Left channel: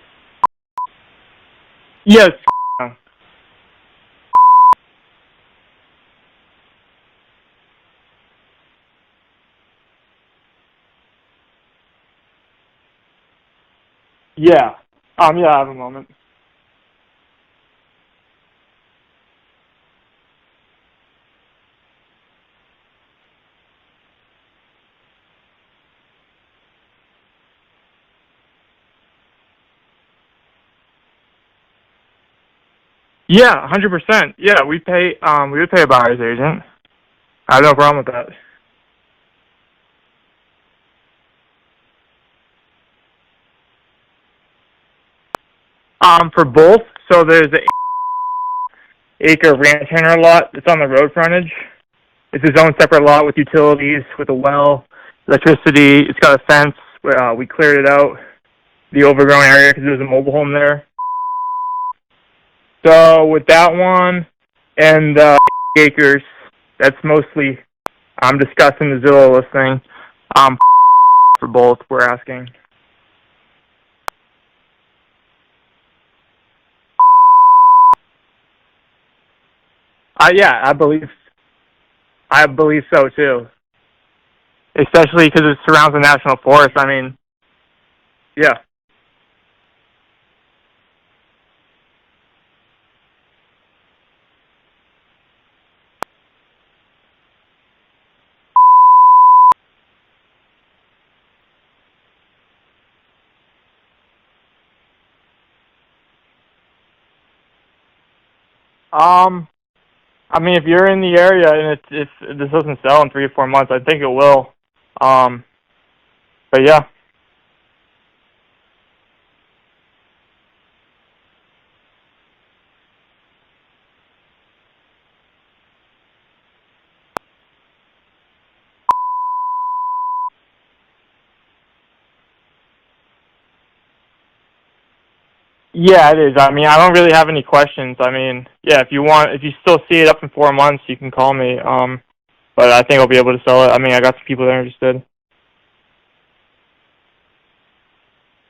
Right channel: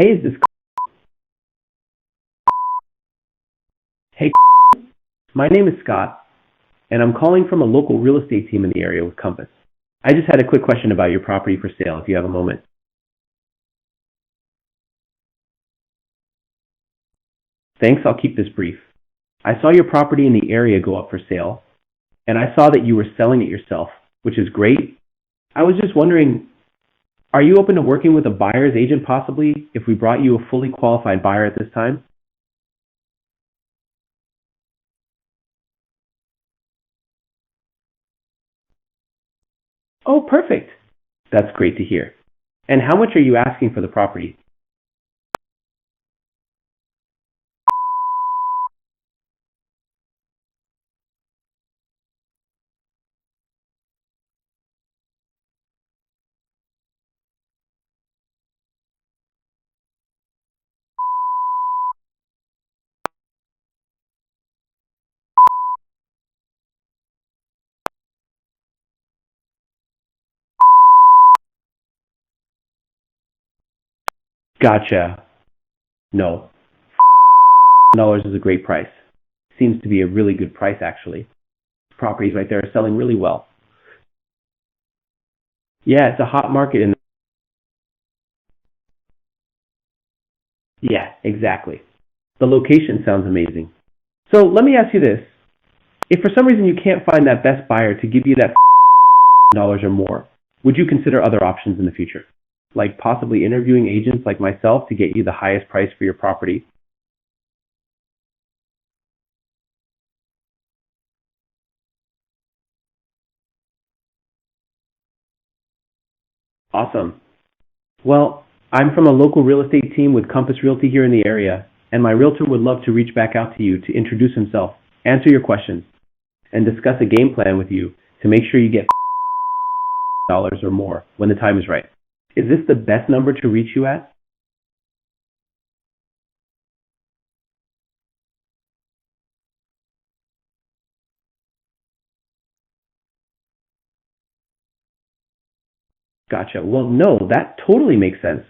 Hey, is this? Yes. Hey, my name is Scott, and I'm calling from a local real estate team in the area with Compass. I just had a quick question about your property for sale, if you have a moment. Yeah. Yeah, I have a moment. Thanks, I'll keep this brief. I saw your property in the area go up for sale, and I saw that you were selling it yourself, which is great. I was just wondering, are you open to working with a buyer's agent possibly if we brought you a fully qualified buyer at this time? Yeah, 100%. Yeah, we would pay a buyer's agent. I have no problem with that. Oh, perfect. That's great to hear. And how much are you asking for the property? For both, so there's an acre ranch hangar lot that's on the road frontage. It's its own separate lot with utilities, with a well, electricity. It's got a fence. We cleared it out, the overgrown area, because there was a mobile home there. So with that one and acres, that's mostly, I'm discussing the Zillow listing. For both, we're asking. Gotcha. No. $1 is a great price. Seems to be a really good Yeah, price, I believe. actually. Properties I out there are believe selling so really too. well. Especially because it surrounds a Yeah, it's a national hot forest. market. I mean, yeah. Yeah, exactly. The location sounds amazing. So let me ask you this. If for some reason you can't find that best buyer to give you that dollars or more, would you consider other options in the future? Like possibly interviewing agents like myself to get you the highest price for your property? I mean, if you're in the area and if this doesn't sell in 3 or 4 months, I think it will. But yeah. Awesome. Well, I'm from a local real estate team with Compass Realty here in the area, and my realtor would love to reach back out to you to introduce himself, answer your questions, and discuss a game plan with you to make sure you get dollars or more when the time is right. Is this the best number to reach you at? Yeah, it is. I mean, I don't really have any questions. I mean, yeah, if you still see it up in 4 months, you can call me. But I think I'll be able to sell it. I mean, I got some people that are interested. Gotcha. Well, no, that totally makes sense.